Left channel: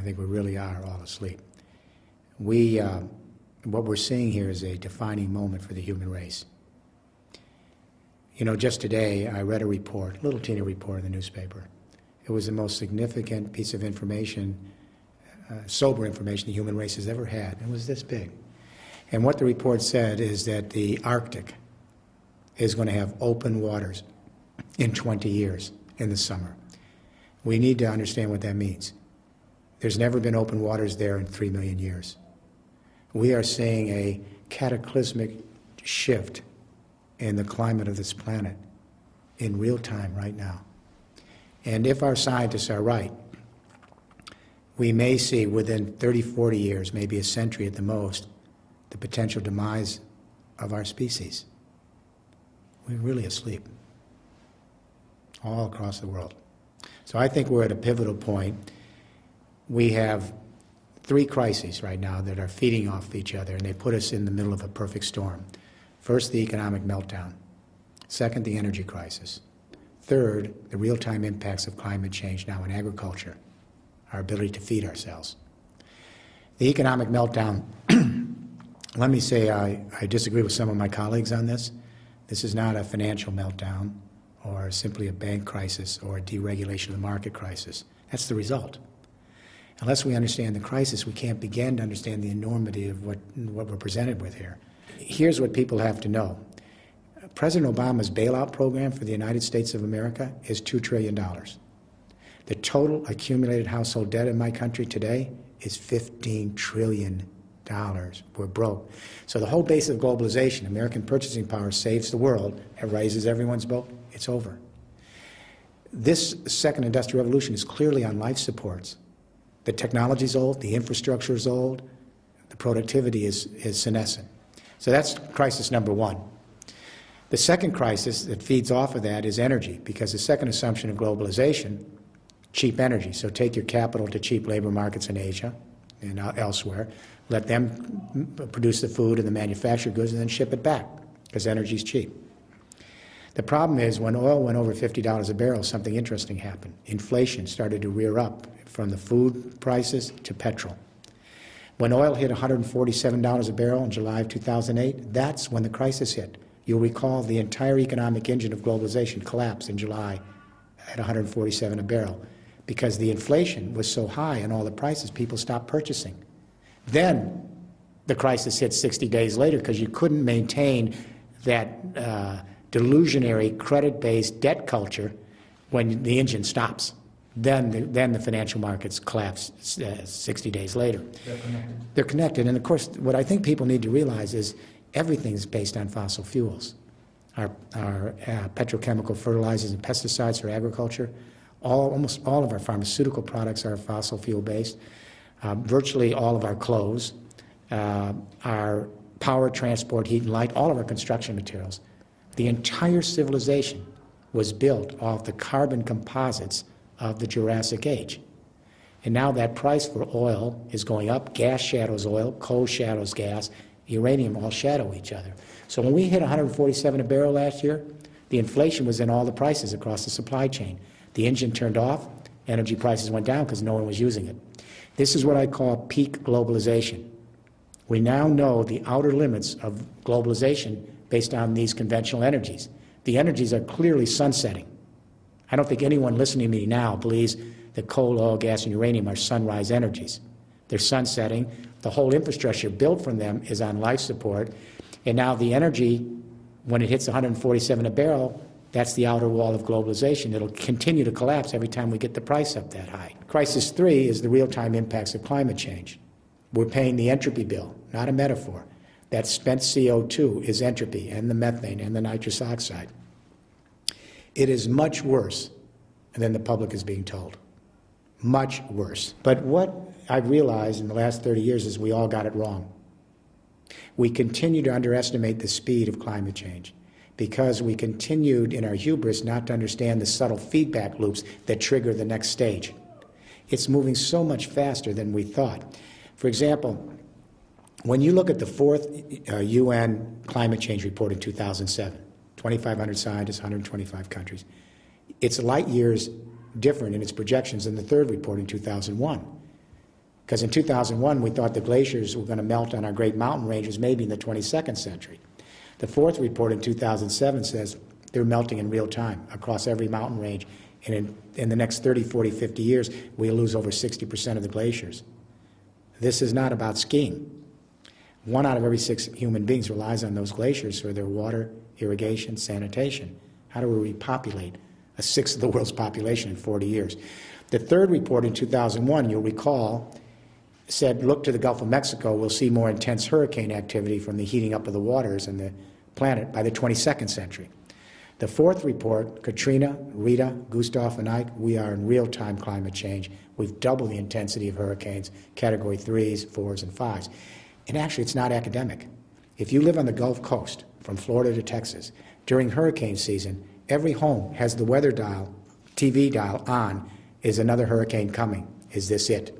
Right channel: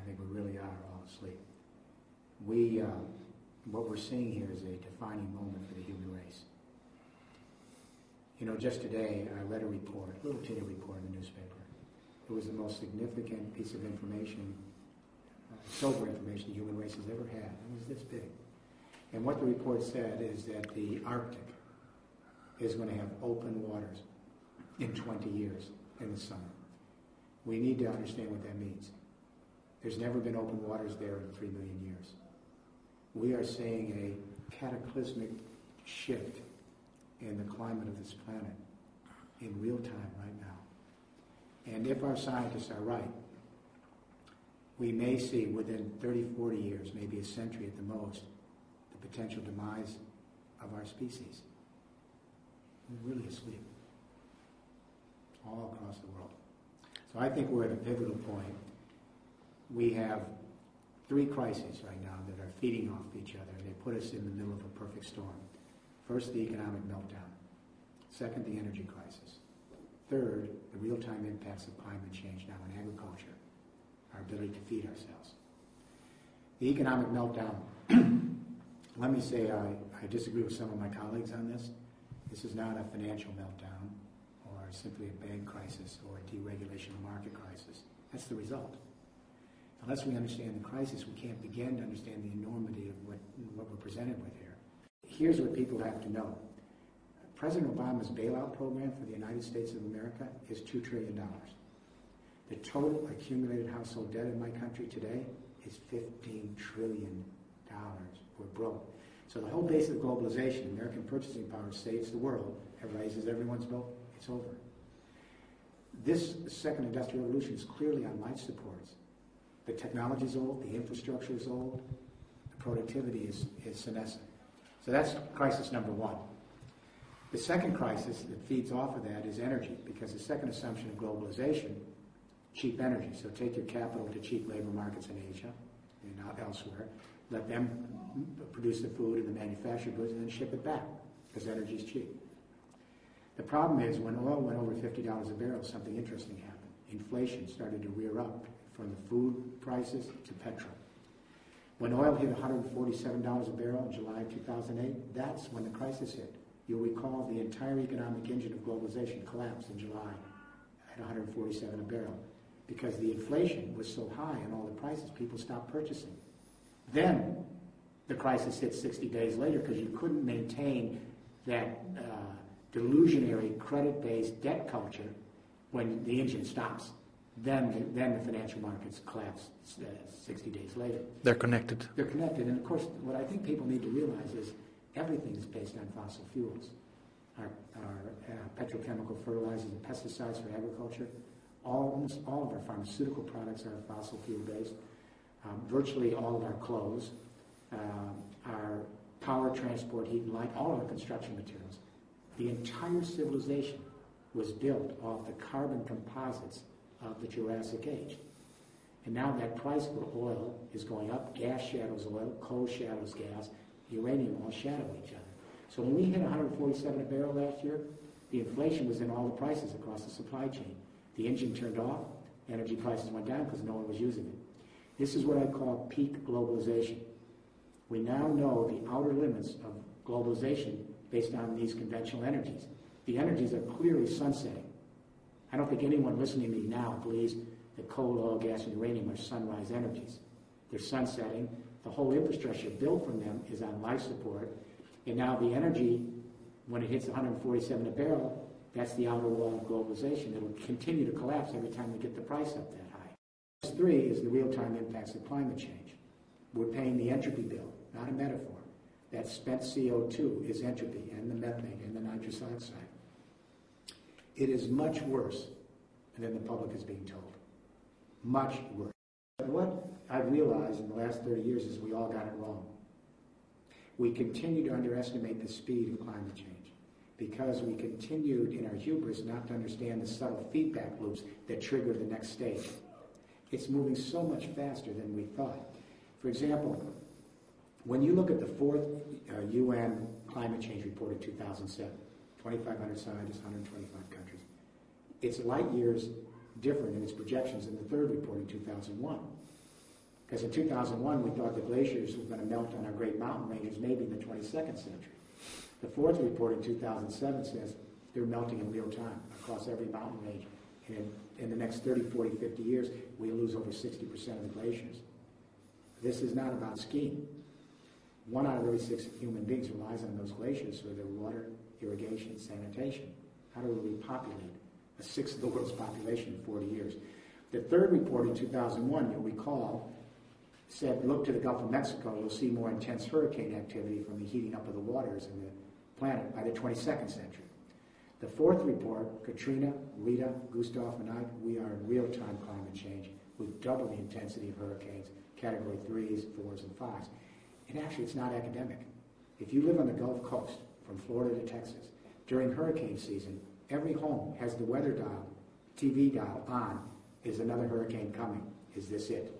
I think we really are all asleep. What we're seeing here is a defining moment for the human race. You know, just today I read a report, a little teeny report in the newspaper. It was the most significant piece of information, sober information the human race has ever had. It was this big. And what the report said is that the Arctic is going to have open waters in 20 years in the summer. We need to understand what that means. There's never been open waters there in 3 million years. We are seeing a cataclysmic shift in the climate of this planet in real time right now. And if our scientists are right, we may see within 30, 40 years, maybe a century at the most, the potential demise of our species. We're really asleep all across the world. So I think we're at a pivotal point. We have 3 crises right now that are feeding off each other, and they put us in the middle of a perfect storm. First, the economic meltdown. Second, the energy crisis. Third, the real-time impacts of climate change now in agriculture, our ability to feed ourselves. The economic meltdown, let me say I disagree with some of my colleagues on this. This is not a financial meltdown or simply a bank crisis or a deregulation of the market crisis. That's the result. Unless we understand the crisis, we can't begin to understand the enormity of what we're presented with here. Here's what people have to know. President Obama's bailout program for the United States of America is $2 trillion. The total accumulated household debt in my country today is $15 trillion. We're broke. So the whole base of globalization, American purchasing power saves the world, it raises everyone's boat, it's over. This second industrial revolution is clearly on life supports. The technology's old, the infrastructure is old, the productivity is senescent. So that's crisis number 1. The second crisis that feeds off of that is energy, because the second assumption of globalization, cheap energy. So take your capital to cheap labor markets in Asia and elsewhere, let them produce the food and the manufactured goods and then ship it back, because energy is cheap. The problem is when oil went over $50 a barrel, something interesting happened. Inflation started to rear up from the food prices to petrol. When oil hit $147 a barrel in July of 2008, that's when the crisis hit. You'll recall the entire economic engine of globalization collapsed in July at $147 a barrel because the inflation was so high in all the prices, people stopped purchasing. Then the crisis hit 60 days later because you couldn't maintain that delusionary credit-based debt culture when the engine stops. Then the financial markets collapse 60 days later. They're connected. They're connected. And of course, what I think people need to realize is everything is based on fossil fuels. Our petrochemical fertilizers and pesticides for agriculture, almost all of our pharmaceutical products are fossil fuel based. Virtually all of our clothes, our power, transport, heat and light, all of our construction materials. The entire civilization was built off the carbon composites of the Jurassic Age. And now that price for oil is going up. Gas shadows oil, coal shadows gas, uranium all shadow each other. So when we hit $147 a barrel last year, the inflation was in all the prices across the supply chain. The engine turned off, energy prices went down because no one was using it. This is what I call peak globalization. We now know the outer limits of globalization based on these conventional energies. The energies are clearly sunsetting. I don't think anyone listening to me now believes that coal, oil, gas, and uranium are sunrise energies. They're sunsetting. The whole infrastructure built from them is on life support. And now the energy, when it hits 147 a barrel, that's the outer wall of globalization. It'll continue to collapse every time we get the price up that high. Crisis 3 is the real-time impacts of climate change. We're paying the entropy bill, not a metaphor. That spent CO2 is entropy, and the methane, and the nitrous oxide. It is much worse than the public is being told. Much worse. But what I've realized in the last 30 years is we all got it wrong. We continue to underestimate the speed of climate change because we continued in our hubris not to understand the subtle feedback loops that trigger the next stage. It's moving so much faster than we thought. For example, when you look at the 4th UN climate change report in 2007, 2,500 scientists, 125 countries, it's light years different in its projections than the 3rd report in 2001. Because in 2001, we thought the glaciers were going to melt on our great mountain ranges maybe in the 22nd century. The fourth report in 2007 says they're melting in real time across every mountain range. And in the next 30, 40, 50 years, we'll lose over 60% of the glaciers. This is not about skiing. 1 out of every 6 human beings relies on those glaciers for their water, irrigation, sanitation. How do we repopulate a sixth of the world's population in 40 years? The third report in 2001, you'll recall, said, look to the Gulf of Mexico, we'll see more intense hurricane activity from the heating up of the waters in the planet by the 22nd century. The fourth report, Katrina, Rita, Gustav, and Ike, we are in real-time climate change. We've doubled the intensity of hurricanes, category 3s, 4s, and 5s. And actually, it's not academic. If you live on the Gulf Coast, from Florida to Texas, during hurricane season, every home has the weather dial, TV dial on. Is another hurricane coming? Is this it?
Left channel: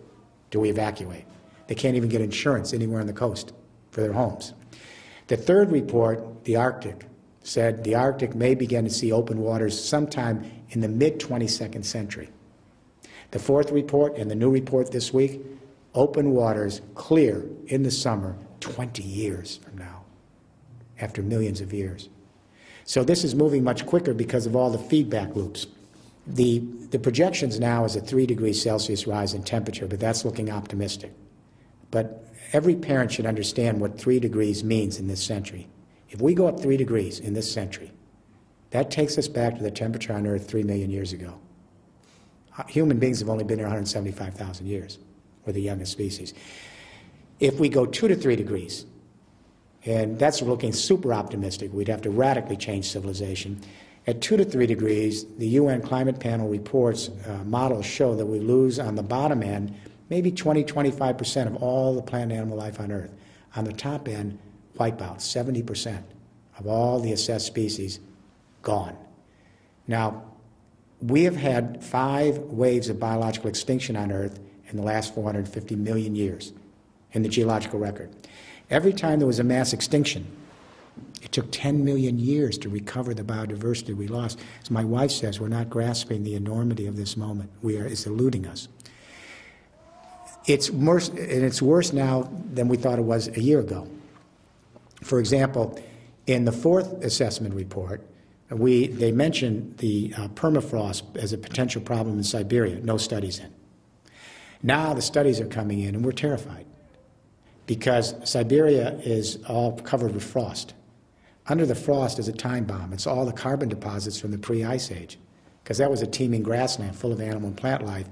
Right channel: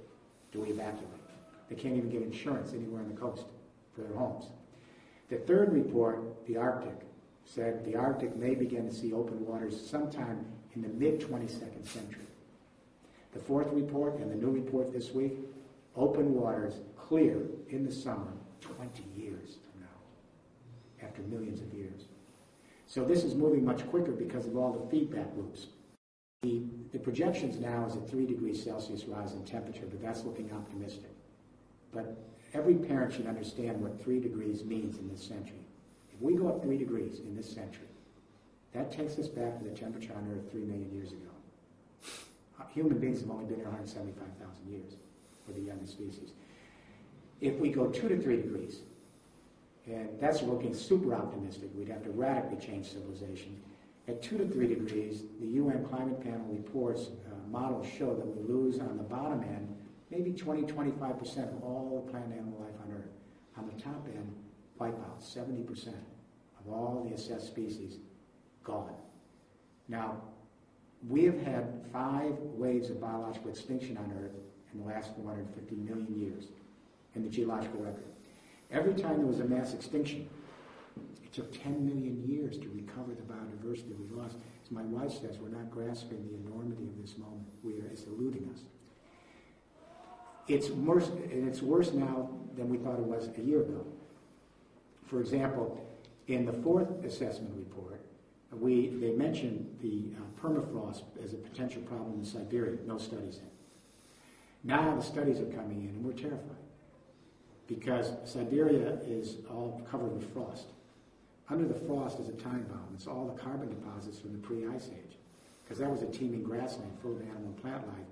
Do we evacuate? They can't even get insurance anywhere on the coast for their homes. The third report, the Arctic, said the Arctic may begin to see open waters sometime in the mid-22nd century. The fourth report and the new report this week, open waters clear in the summer 20 years from now, after millions of years. So this is moving much quicker because of all the feedback loops. The projections now is a 3 degrees Celsius rise in temperature, but that's looking optimistic. But every parent should understand what 3 degrees means in this century. If we go up 3 degrees in this century, that takes us back to the temperature on Earth 3 million years ago. Human beings have only been here 175,000 years. We're the youngest species. If we go 2 to 3 degrees, and that's looking super optimistic, we'd have to radically change civilization. At 2 to 3 degrees, the UN Climate Panel reports, models show that we lose on the bottom end maybe 20, 25% of all the plant and animal life on Earth. On the top end, wipeout, 70% of all the assessed species gone. Now, we have had 5 waves of biological extinction on Earth in the last 450 million years in the geological record. Every time there was a mass extinction, it took 10 million years to recover the biodiversity we lost. As my wife says, we're not grasping the enormity of this moment. It's eluding us. It's worse, and it's worse now than we thought it was a year ago. For example, in the fourth assessment report, they mentioned the permafrost as a potential problem in Siberia. No studies in. Now the studies are coming in, and we're terrified because Siberia is all covered with frost. Under the frost is a time bomb. It's all the carbon deposits from the pre-ice age, because that was a teeming grassland full of animal and plant life.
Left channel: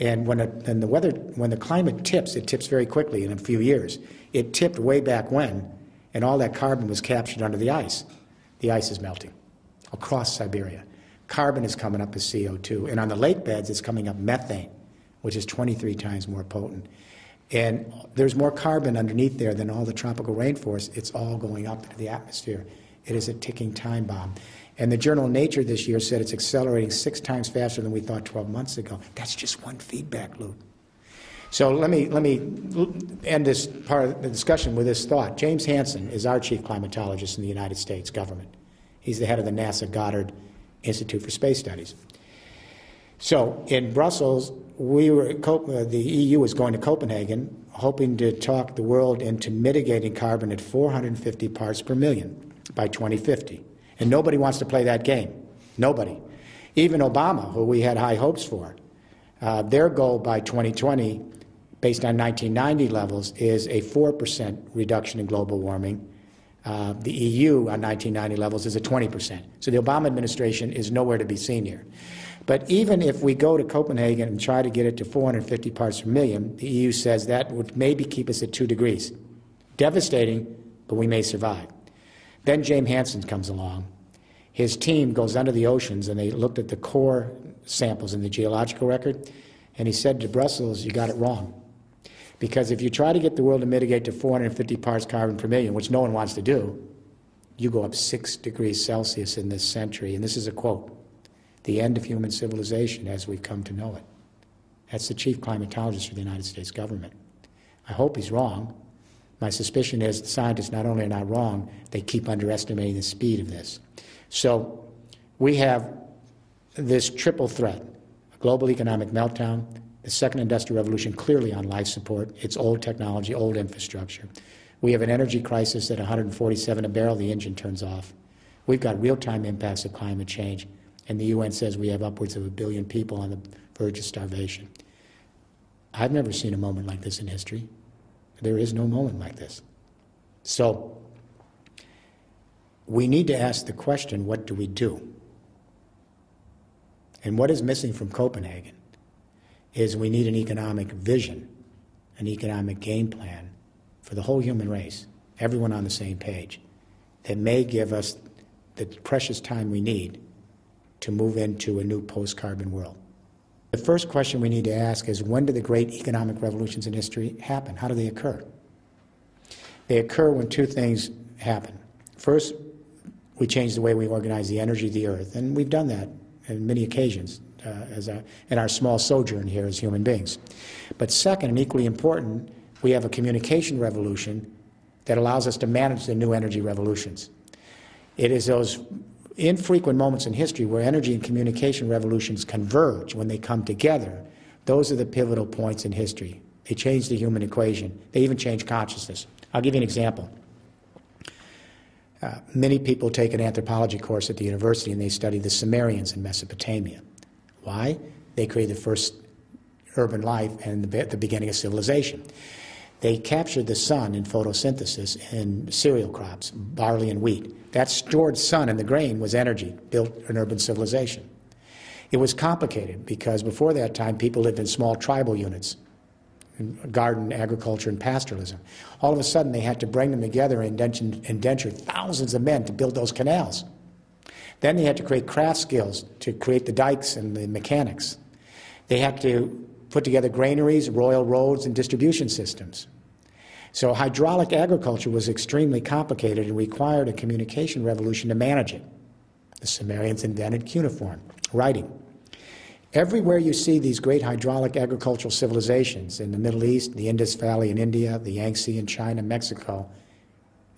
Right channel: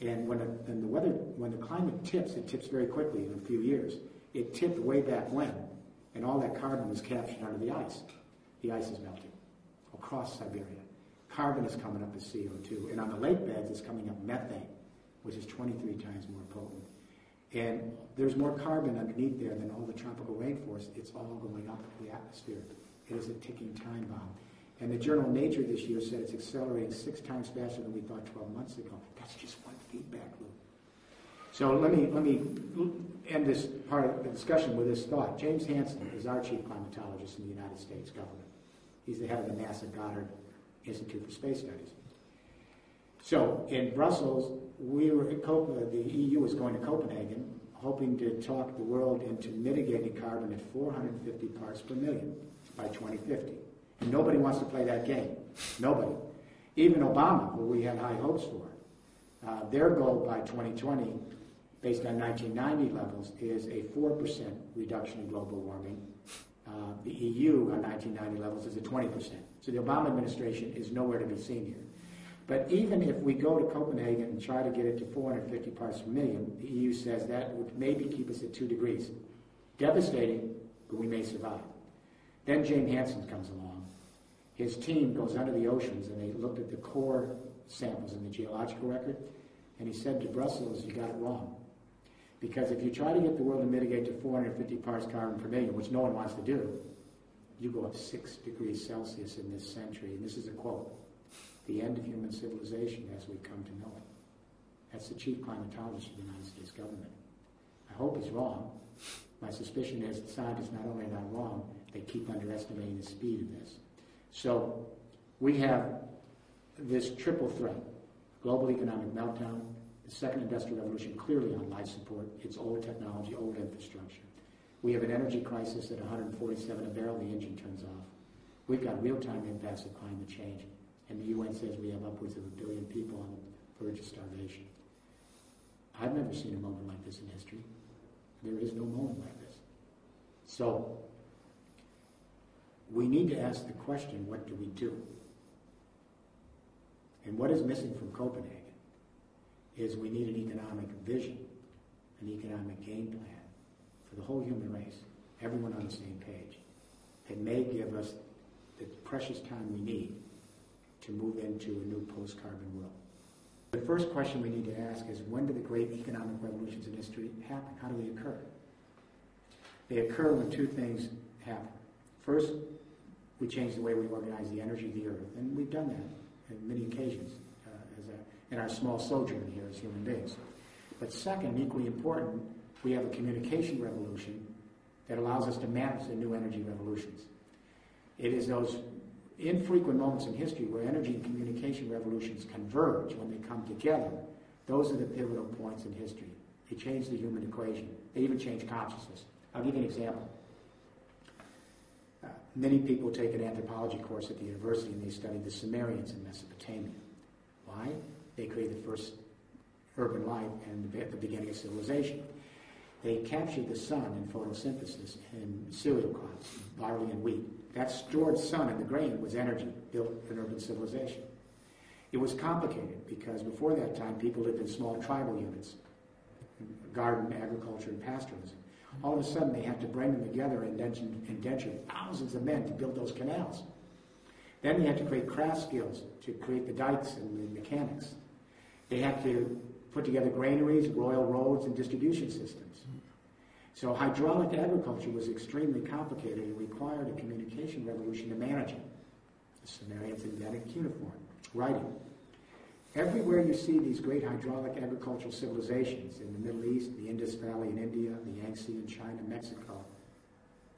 And when the climate tips, it tips very quickly in a few years. It tipped way back when, and all that carbon was captured under the ice. The ice is melting across Siberia. Carbon is coming up as CO2, and on the lake beds, it's coming up methane, which is 23 times more potent. And there's more carbon underneath there than all the tropical rainforest. It's all going up into the atmosphere. It is a ticking time bomb. And the journal Nature this year said it's accelerating 6 times faster than we thought 12 months ago. That's just one feedback loop. So let me end this part of the discussion with this thought. James Hansen is our chief climatologist in the United States government. He's the head of the NASA Goddard Institute for Space Studies. So in Brussels, the EU was going to Copenhagen, hoping to talk the world into mitigating carbon at 450 parts per million by 2050. And nobody wants to play that game. Nobody. Even Obama, who we had high hopes for, their goal by 2020, based on 1990 levels, is a 4% reduction in global warming. The EU on 1990 levels is a 20%. So the Obama administration is nowhere to be seen here. But even if we go to Copenhagen and try to get it to 450 parts per million, the EU says that would maybe keep us at 2 degrees. Devastating, but we may survive. Then James Hansen comes along. His team goes under the oceans, and they looked at the core samples in the geological record, and he said to Brussels, you got it wrong. Because if you try to get the world to mitigate to 450 parts carbon per million, which no one wants to do, you go up 6 degrees Celsius in this century. And this is a quote. The end of human civilization as we've come to know it. That's the chief climatologist for the United States government. I hope he's wrong. My suspicion is the scientists not only are not wrong, they keep underestimating the speed of this. So we have this triple threat, a global economic meltdown, The second industrial revolution clearly on life support. It's old technology, old infrastructure. We have an energy crisis at 147 a barrel, the engine turns off. We've got real-time impacts of climate change, and the UN says we have upwards of 1 billion people on the verge of starvation. I've never seen a moment like this in history. There is no moment like this. So we need to ask the question, what do we do? And what is missing from Copenhagen is we need an economic vision, an economic game plan for the whole human race, everyone on the same page, that may give us the precious time we need to move into a new post-carbon world. The first question we need to ask is, when do the great economic revolutions in history happen? How do they occur? They occur when two things happen. First, we change the way we organize the energy of the earth, and we've done that on many occasions in our small sojourn here as human beings. But second, and equally important, we have a communication revolution that allows us to manage the new energy revolutions. It is those infrequent moments in history where energy and communication revolutions converge. When they come together, those are the pivotal points in history. They change the human equation. They even change consciousness. I'll give you an example. Many people take an anthropology course at the university and they study the Sumerians in Mesopotamia. Why? They created the first urban life and the beginning of civilization. They captured the sun in photosynthesis in cereal crops, barley and wheat. That stored sun in the grain was energy, built an urban civilization. It was complicated because before that time people lived in small tribal units, garden, agriculture, and pastoralism. All of a sudden they had to bring them together and indenture thousands of men to build those canals. Then they had to create craft skills to create the dikes and the mechanics. They had to put together granaries, royal roads, and distribution systems. So hydraulic agriculture was extremely complicated and required a communication revolution to manage it. The Sumerians invented cuneiform, writing. Everywhere you see these great hydraulic agricultural civilizations in the Middle East, the Indus Valley in India, the Yangtze in China, Mexico,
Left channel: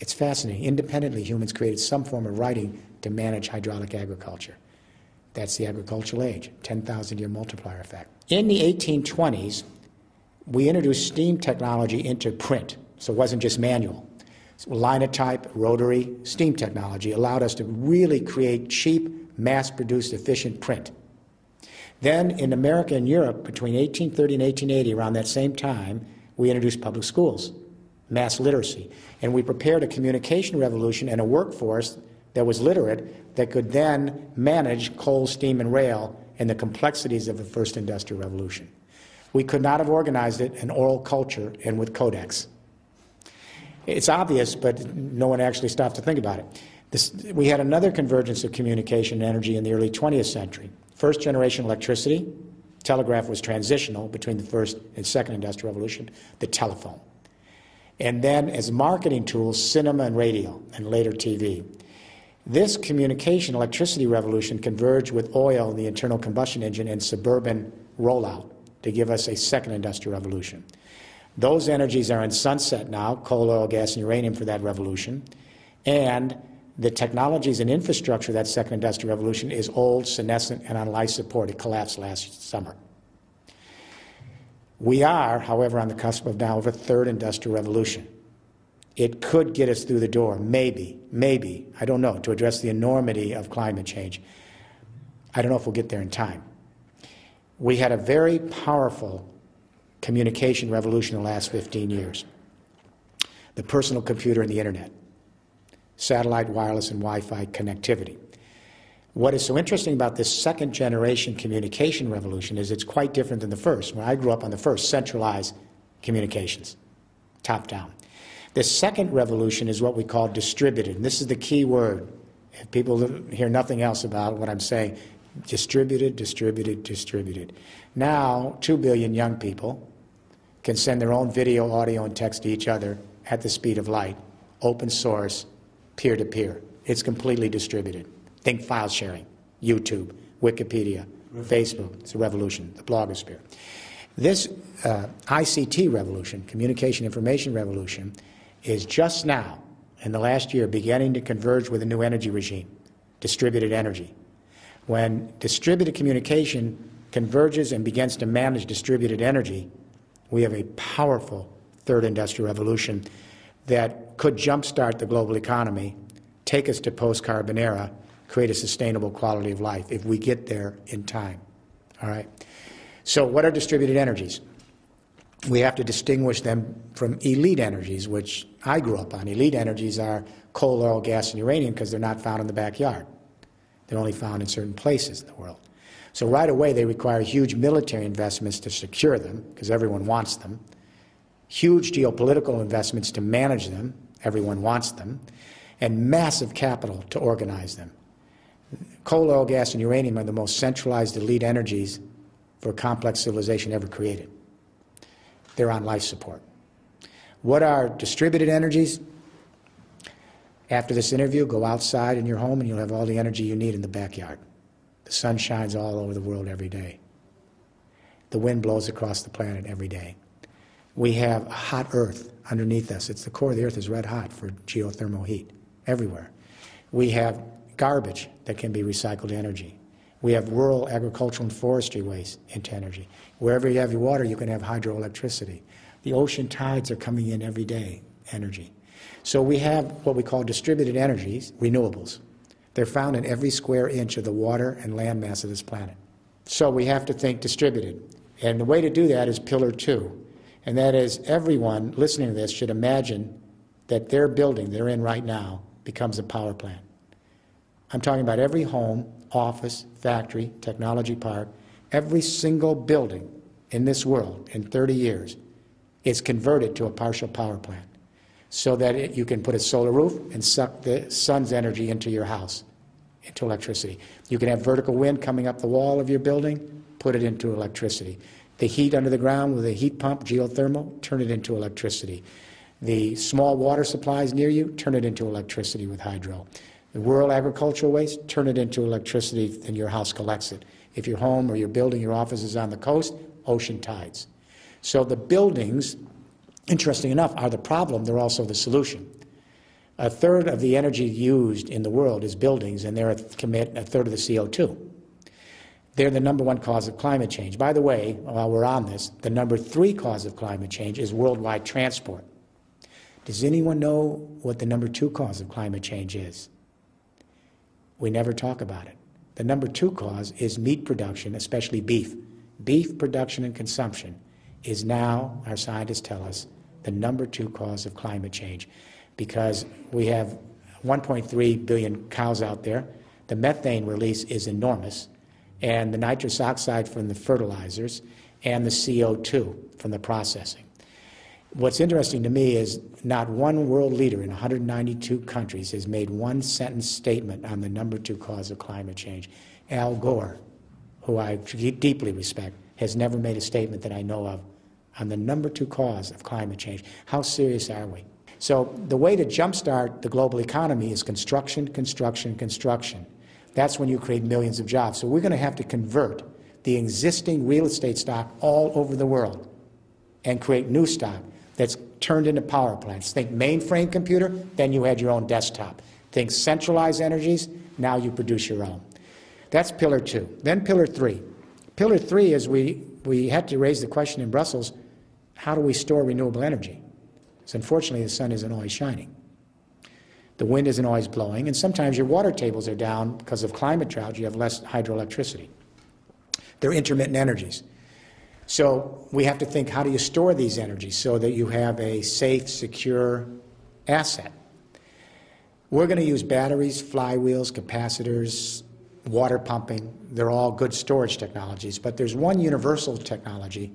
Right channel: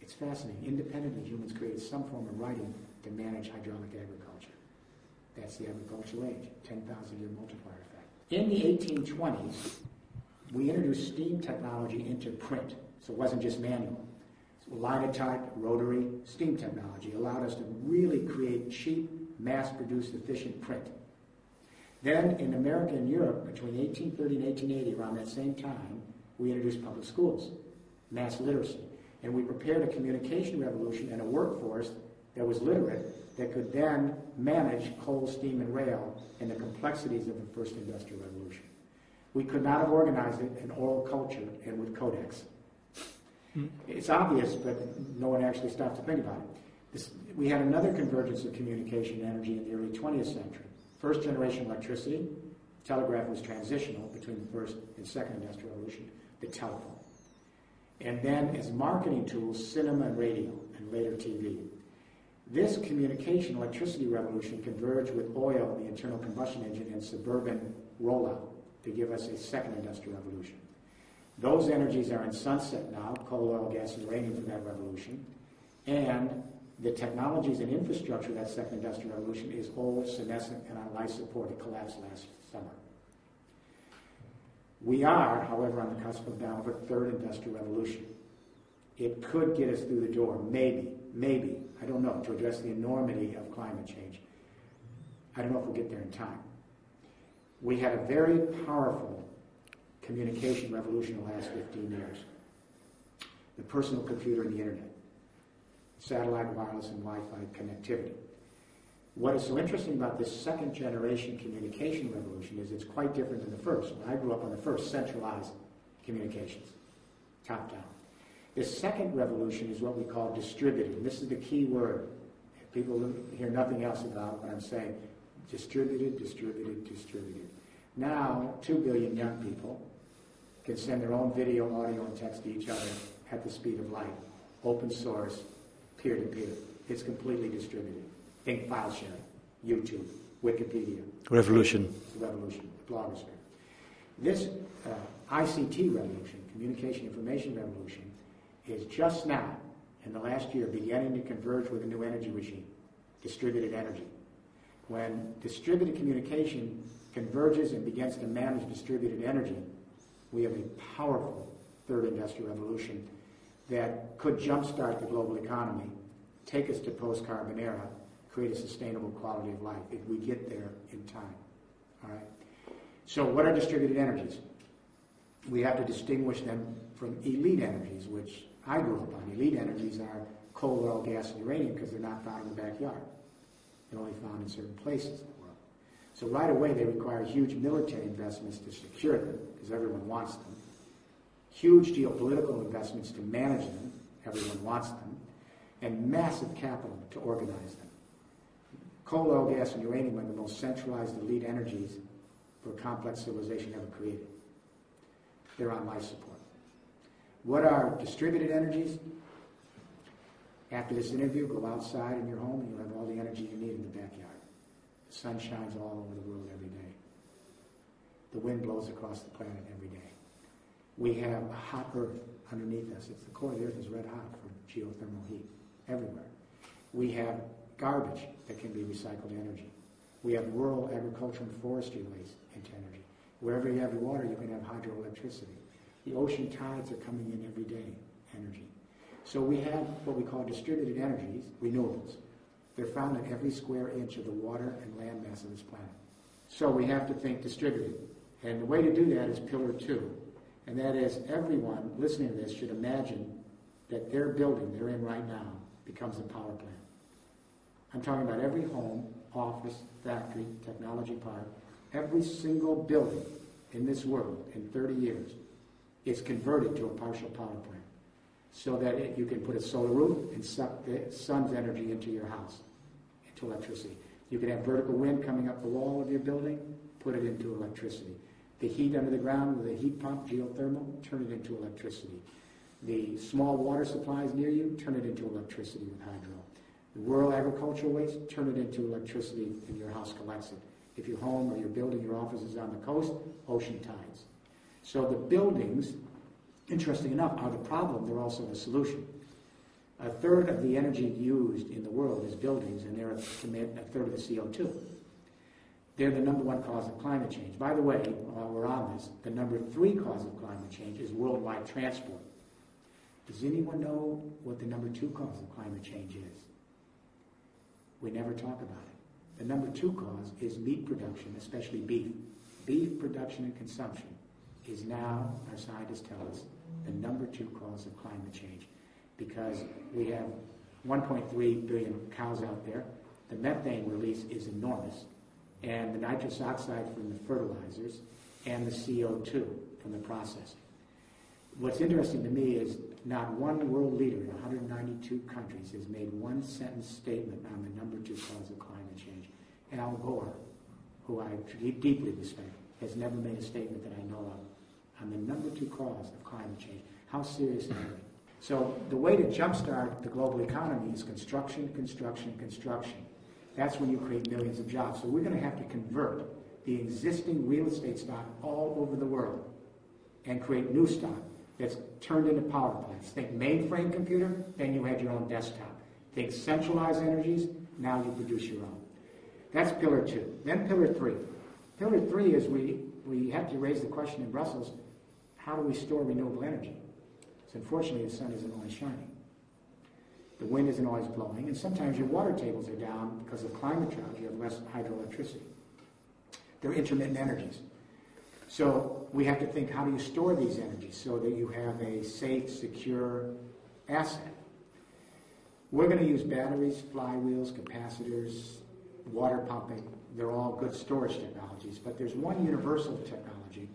it's fascinating. Independently, humans created some form of writing to manage hydraulic agriculture. That's the agricultural age, 10,000-year multiplier effect. In the 1820s, we introduced steam technology into print, so it wasn't just manual. So linotype, rotary, steam technology allowed us to really create cheap, mass-produced, efficient print. Then in America and Europe, between 1830 and 1880, around that same time, we introduced public schools, mass literacy, and we prepared a communication revolution and a workforce that was literate that could then manage coal, steam, and rail and the complexities of the first industrial revolution. We could not have organized it in oral culture and with codex. It's obvious, but no one actually stopped to think about it. We had another convergence of communication and energy in the early 20th century. First generation electricity, telegraph was transitional between the first and second industrial revolution, the telephone. And then as marketing tools, cinema and radio, and later TV. This communication electricity revolution converged with oil and the internal combustion engine and suburban rollout to give us a second industrial revolution. Those energies are in sunset now, coal, oil, gas, and uranium for that revolution. And the technologies and infrastructure of that second industrial revolution is old, senescent, and on life support. It collapsed last summer. We are, however, on the cusp of now of a third industrial revolution. It could get us through the door, maybe, I don't know, to address the enormity of climate change. I don't know if we'll get there in time. We had a very powerful communication revolution in the last 15 years. The personal computer and the internet, satellite, wireless, and Wi-Fi connectivity. What is so interesting about this second generation communication revolution is it's quite different than the first. When I grew up on the first, centralized communications, top down. The second revolution is what we call distributed, and this is the key word. If people hear nothing else about what I'm saying, distributed, distributed, distributed. Now, 2 billion young people can send their own video, audio, and text to each other at the speed of light, open source, peer-to-peer. It's completely distributed. Think file sharing, YouTube, Wikipedia, revolution. Facebook. It's a revolution, the blogosphere. This ICT revolution, communication information revolution, is just now, in the last year, beginning to converge with a new energy regime, distributed energy. When distributed communication converges and begins to manage distributed energy, we have a powerful third industrial revolution that could jumpstart the global economy, take us to post-carbon era, create a sustainable quality of life if we get there in time. All right? So what are distributed energies? We have to distinguish them from elite energies, which I grew up on. Elite energies are coal, oil, gas, and uranium because they're not found in the backyard. They're only found in certain places in the world. So right away they require huge military investments to secure them because everyone wants them, huge geopolitical investments to manage them, everyone wants them, and massive capital to organize them. Coal, oil, gas, and uranium are the most centralized elite energies for a complex civilization ever created. They're on life support. What are distributed energies? After this interview, go outside in your home and you'll have all the energy you need in the backyard. The sun shines all over the world every day. The wind blows across the planet every day. We have a hot earth underneath us. The core of the earth is red hot for geothermal heat everywhere. We have garbage that can be recycled energy. We have rural agricultural and forestry waste into energy. Wherever you have your water, you can have hydroelectricity. The ocean tides are coming in every day, energy. So we have what we call distributed energies, renewables. They're found in every square inch of the water and land mass of this planet. So we have to think distributed. And the way to do that is pillar 2. And that is everyone listening to this should imagine that their building they're in right now becomes a power plant. I'm talking about every home, office, factory, technology park, every single building in this world in 30 years is converted to a partial power plant so that you can put a solar roof and suck the sun's energy into your house, into electricity. You can have vertical wind coming up the wall of your building, put it into electricity. The heat under the ground with a heat pump, geothermal, turn it into electricity. The small water supplies near you, turn it into electricity with hydro. The rural agricultural waste, turn it into electricity and your house collects it. If your home or your building, your office is on the coast, ocean tides. So the buildings, interesting enough, are the problem, they're also the solution. A third of the energy used in the world is buildings, and they commit a third of the CO2. They're the #1 cause of climate change. By the way, while we're on this, the #3 cause of climate change is worldwide transport. Does anyone know what the #2 cause of climate change is? We never talk about it. The #2 cause is meat production, especially beef. Beef production and consumption is now, our scientists tell us, the #2 cause of climate change because we have 1.3 billion cows out there. The methane release is enormous, and the nitrous oxide from the fertilizers and the CO2 from the processing. What's interesting to me is not one world leader in 192 countries has made one sentence statement on the #2 cause of climate change. Al Gore, who I deeply respect, has never made a statement that I know of on the #2 cause of climate change. How serious are we? So the way to jumpstart the global economy is construction, construction, construction. That's when you create millions of jobs. So we're going to have to convert the existing real estate stock all over the world and create new stock that's turned into power plants. Think mainframe computer, then you had your own desktop. Think centralized energies, now you produce your own. That's pillar 2. Then pillar 3. Pillar 3 is we had to raise the question in Brussels, how do we store renewable energy? Because unfortunately the sun isn't always shining. The wind isn't always blowing, and sometimes your water tables are down because of climate drought. You have less hydroelectricity. They're intermittent energies. So we have to think, how do you store these energies so that you have a safe, secure asset? We're going to use batteries, flywheels, capacitors, water pumping. They're all good storage technologies, but there's one universal technology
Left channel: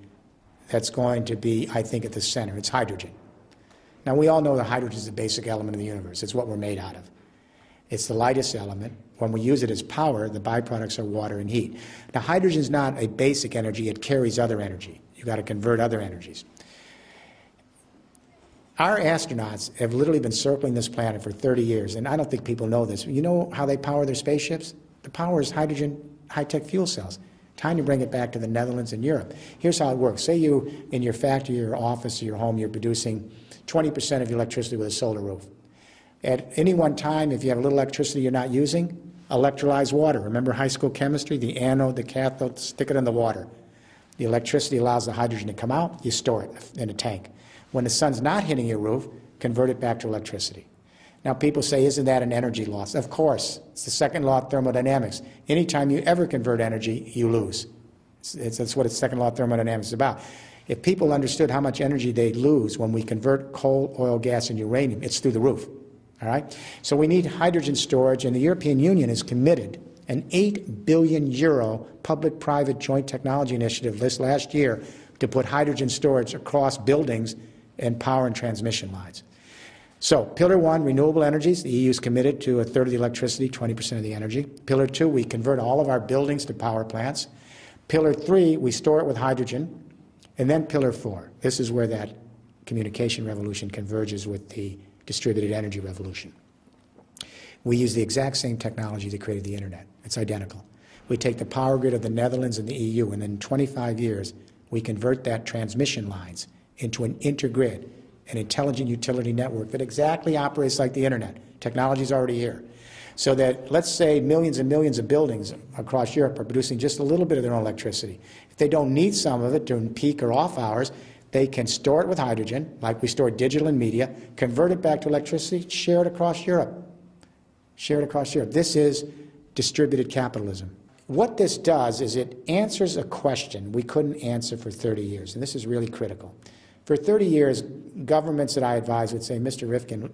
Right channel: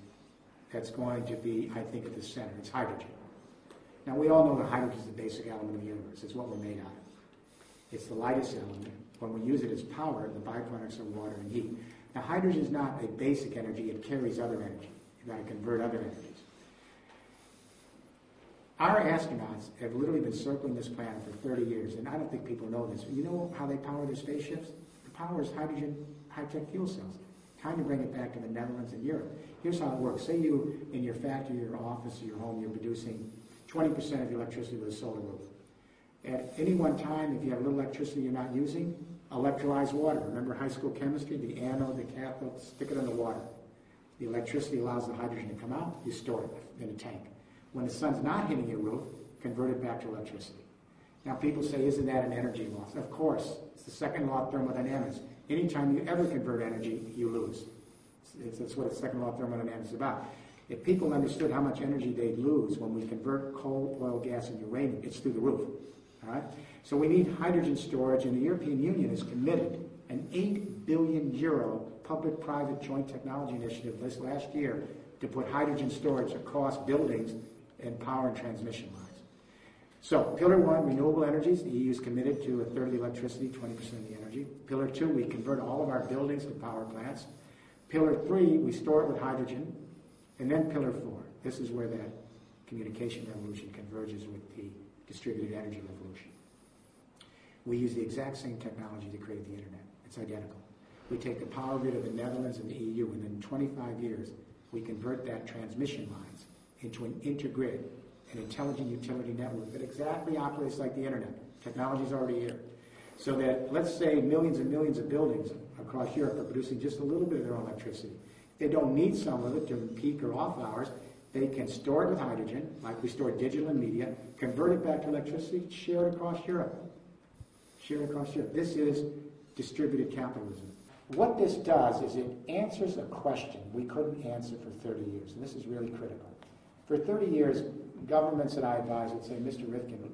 that's going to be, I think, at the center. It's hydrogen. Now, we all know that hydrogen is the basic element of the universe. It's what we're made out of. It's the lightest element. When we use it as power, the byproducts are water and heat. Now, hydrogen is not a basic energy. It carries other energy. You've got to convert other energies. Our astronauts have literally been circling this planet for 30 years, and I don't think people know this. You know how they power their spaceships? The power is hydrogen, high-tech fuel cells. Time to bring it back to the Netherlands and Europe. Here's how it works. Say you, in your factory, your office, your home, you're producing 20% of your electricity with a solar roof. At any one time, if you have a little electricity you're not using, Electrolyzed water. Remember high school chemistry? The anode, the cathode, stick it in the water. The electricity allows the hydrogen to come out, you store it in a tank. When the sun's not hitting your roof, convert it back to electricity. Now people say, isn't that an energy loss? Of course. It's the second law of thermodynamics. Anytime you ever convert energy, you lose. That's what the second law of thermodynamics is about. If people understood how much energy they'd lose when we convert coal, oil, gas, and uranium, it's through the roof. All right? So we need hydrogen storage, and the European Union is committed an €8 billion public-private joint technology initiative this last year to put hydrogen storage across buildings and power and transmission lines. So, Pillar 1, renewable energies. The EU is committed to a third of the electricity, 20% of the energy. Pillar 2, we convert all of our buildings to power plants. Pillar 3, we store it with hydrogen. And then Pillar 4, this is where that communication revolution converges with the distributed energy revolution. We use the exact same technology that created the internet. It's identical. We take the power grid of the Netherlands and the EU, and in 25 years, we convert that transmission lines into an intergrid, an intelligent utility network that exactly operates like the internet. Technology is already here. So that, let's say, millions and millions of buildings across Europe are producing just a little bit of their own electricity. If they don't need some of it during peak or off hours, they can store it with hydrogen, like we store digital and media, convert it back to electricity, share it across Europe. Share it across Europe. This is distributed capitalism. What this does is it answers a question we couldn't answer for 30 years, and this is really critical. For 30 years, governments that I advise would say, Mr. Rifkin,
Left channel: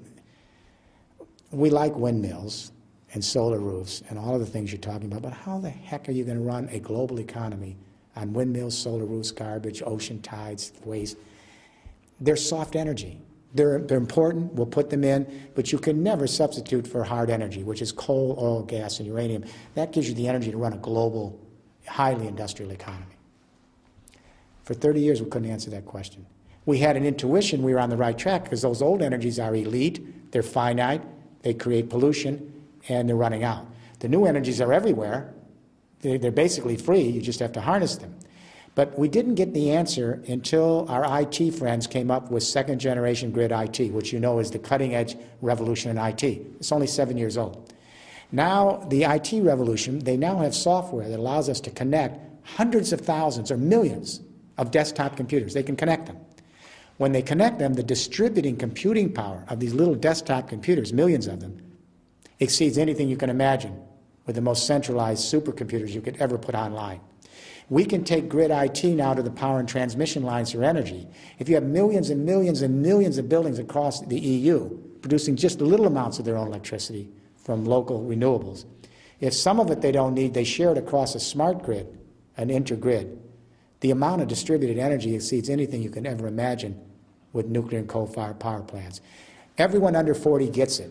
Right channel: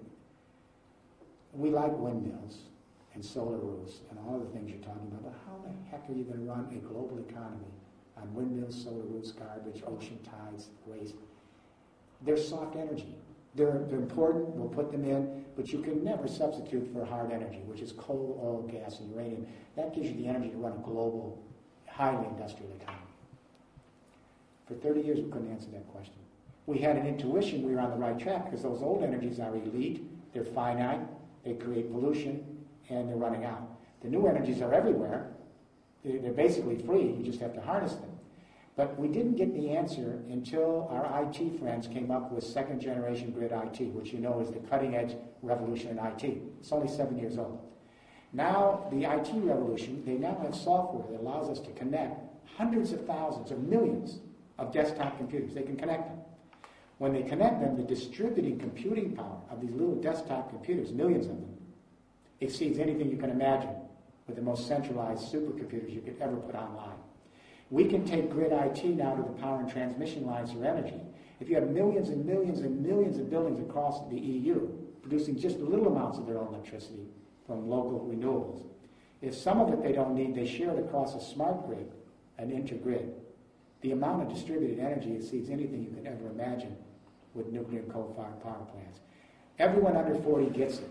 we like windmills and solar roofs and all of the things you're talking about, but how the heck are you going to run a global economy on windmills, solar roofs, garbage, ocean tides, waste? They're soft energy. They're important, we'll put them in, but you can never substitute for hard energy, which is coal, oil, gas, and uranium. That gives you the energy to run a global, highly industrial economy. For 30 years, we couldn't answer that question. We had an intuition we were on the right track because those old energies are elite, they're finite, they create pollution, and they're running out. The new energies are everywhere. They're basically free, you just have to harness them. But we didn't get the answer until our IT friends came up with second-generation grid IT, which you know is the cutting-edge revolution in IT. It's only 7 years old. Now, the IT revolution, they now have software that allows us to connect hundreds of thousands or millions of desktop computers. They can connect them. When they connect them, the distributing computing power of these little desktop computers, millions of them, exceeds anything you can imagine with the most centralized supercomputers you could ever put online. We can take grid IT now to the power and transmission lines for energy. If you have millions and millions and millions of buildings across the EU producing just little amounts of their own electricity from local renewables, if some of it they don't need, they share it across a smart grid, an intergrid. The amount of distributed energy exceeds anything you can ever imagine with nuclear and coal-fired power plants. Everyone under 40 gets it.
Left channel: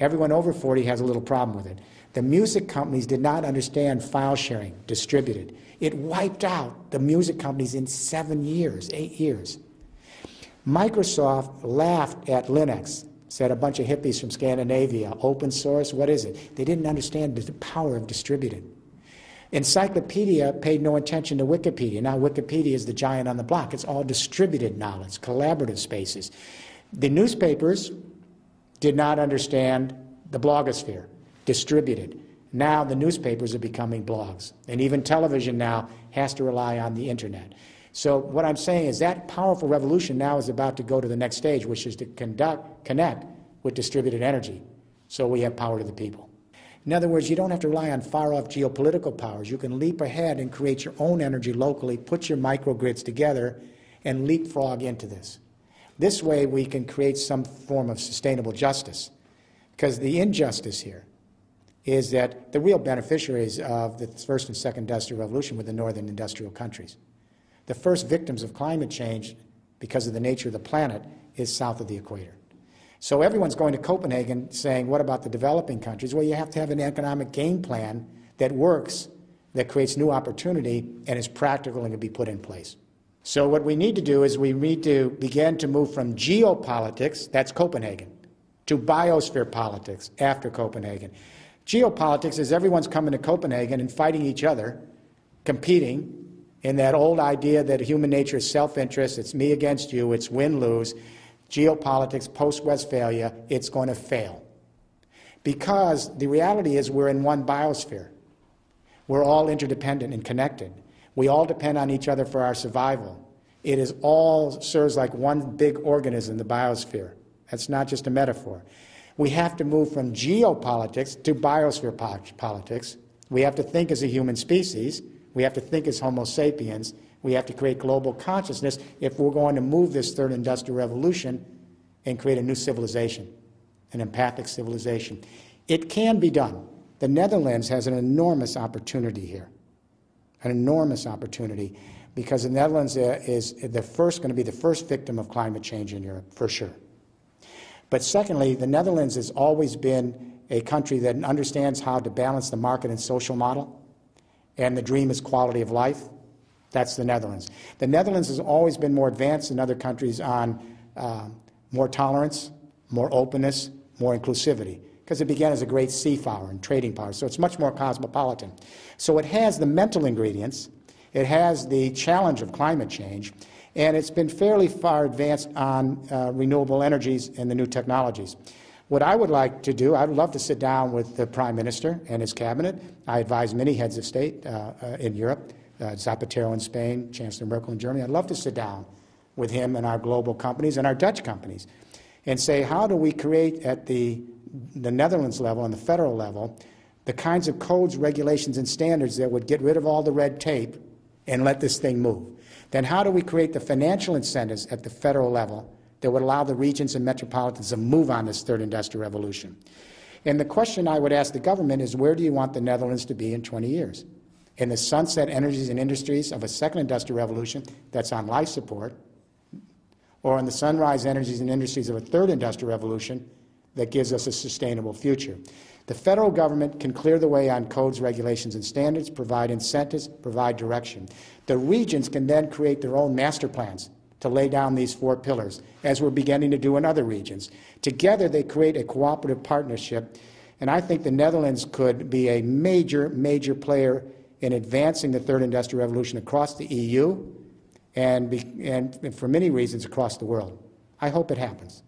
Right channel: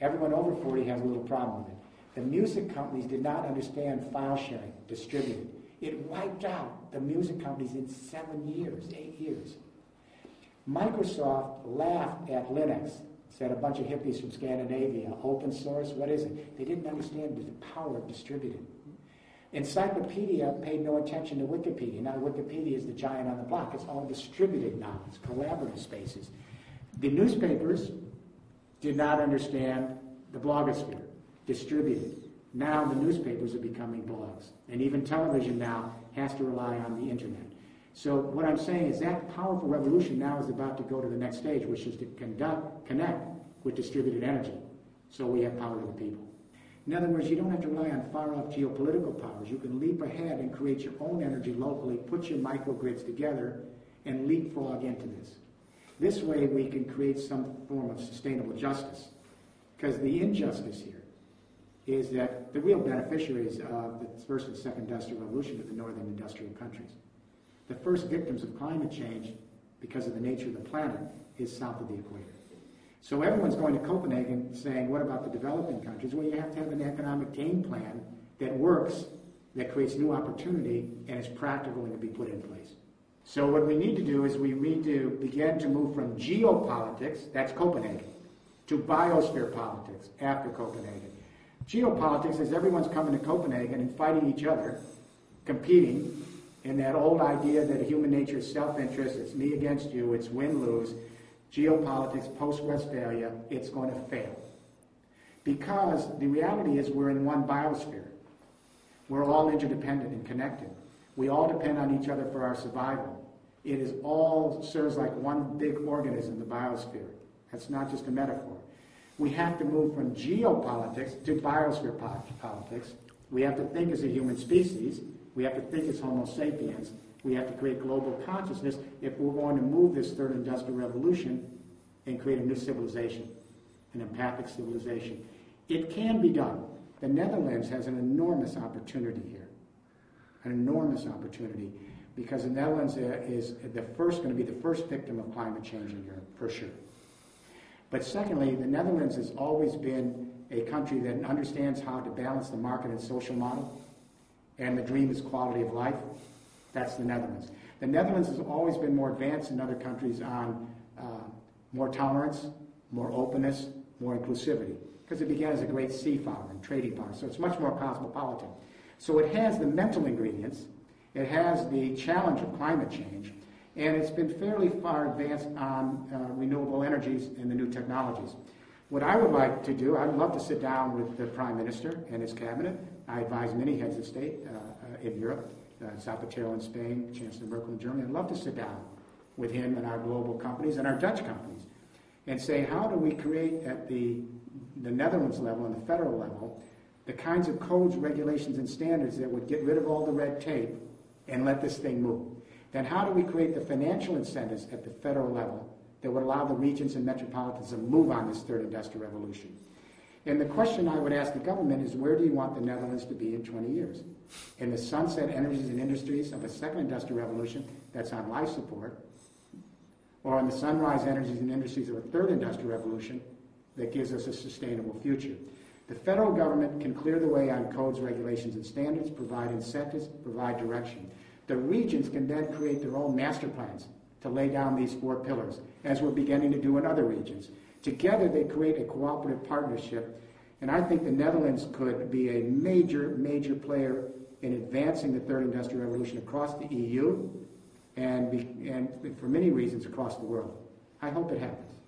Everyone over 40 has a little problem with it. The music companies did not understand file sharing, distributed. It wiped out the music companies in 7 years, 8 years. Microsoft laughed at Linux, said a bunch of hippies from Scandinavia, open source, what is it? They didn't understand the power of distributed. Encyclopedia paid no attention to Wikipedia. Now Wikipedia is the giant on the block. It's all distributed knowledge, collaborative spaces. The newspapers did not understand the blogosphere, distributed. Now the newspapers are becoming blogs, and even television now has to rely on the internet. So what I'm saying is that powerful revolution now is about to go to the next stage, which is to connect with distributed energy, so we have power to the people. In other words, you don't have to rely on far-off geopolitical powers. You can leap ahead and create your own energy locally, put your microgrids together, and leapfrog into this. This way we can create some form of sustainable justice, because the injustice here is that the real beneficiaries of the first and second industrial revolution were the northern industrial countries. The first victims of climate change, because of the nature of the planet, is south of the equator. So everyone's going to Copenhagen saying, what about the developing countries? Well, you have to have an economic game plan that works, that creates new opportunity, and is practical and can be put in place. So what we need to do is we need to begin to move from geopolitics, that's Copenhagen, to biosphere politics after Copenhagen. Geopolitics is everyone's coming to Copenhagen and fighting each other, competing in that old idea that human nature is self-interest, it's me against you, it's win-lose. Geopolitics, post-Westphalia, it's going to fail. Because the reality is we're in one biosphere. We're all interdependent and connected. We all depend on each other for our survival. It is all serves like one big organism, the biosphere. That's not just a metaphor. We have to move from geopolitics to biosphere politics. We have to think as a human species. We have to think as Homo sapiens. We have to create global consciousness if we're going to move this third industrial revolution and create a new civilization, an empathic civilization. It can be done. The Netherlands has an enormous opportunity here, an enormous opportunity, because the Netherlands is going to be the first victim of climate change in Europe, for sure. But secondly, the Netherlands has always been a country that understands how to balance the market and social model, and the dream is quality of life. That's the Netherlands. The Netherlands has always been more advanced than other countries on more tolerance, more openness, more inclusivity, because it began as a great sea power and trading power, so it's much more cosmopolitan. So it has the mental ingredients, it has the challenge of climate change, and it's been fairly far advanced on renewable energies and the new technologies. What I would like to do, I'd love to sit down with the Prime Minister and his cabinet. I advise many heads of state in Europe, Zapatero in Spain, Chancellor Merkel in Germany. I'd love to sit down with him and our global companies and our Dutch companies and say, how do we create at the Netherlands level and the federal level the kinds of codes, regulations, and standards that would get rid of all the red tape and let this thing move? Then how do we create the financial incentives at the federal level that would allow the regions and metropolitans to move on this third industrial revolution? And the question I would ask the government is, where do you want the Netherlands to be in 20 years? In the sunset energies and industries of a second industrial revolution that's on life support, or in the sunrise energies and industries of a third industrial revolution that gives us a sustainable future? The federal government can clear the way on codes, regulations, and standards, provide incentives, provide direction. The regions can then create their own master plans to lay down these 4 pillars, as we're beginning to do in other regions. Together, they create a cooperative partnership, and I think the Netherlands could be a major, major player in advancing the third industrial revolution across the EU and for many reasons across the world. I hope it happens.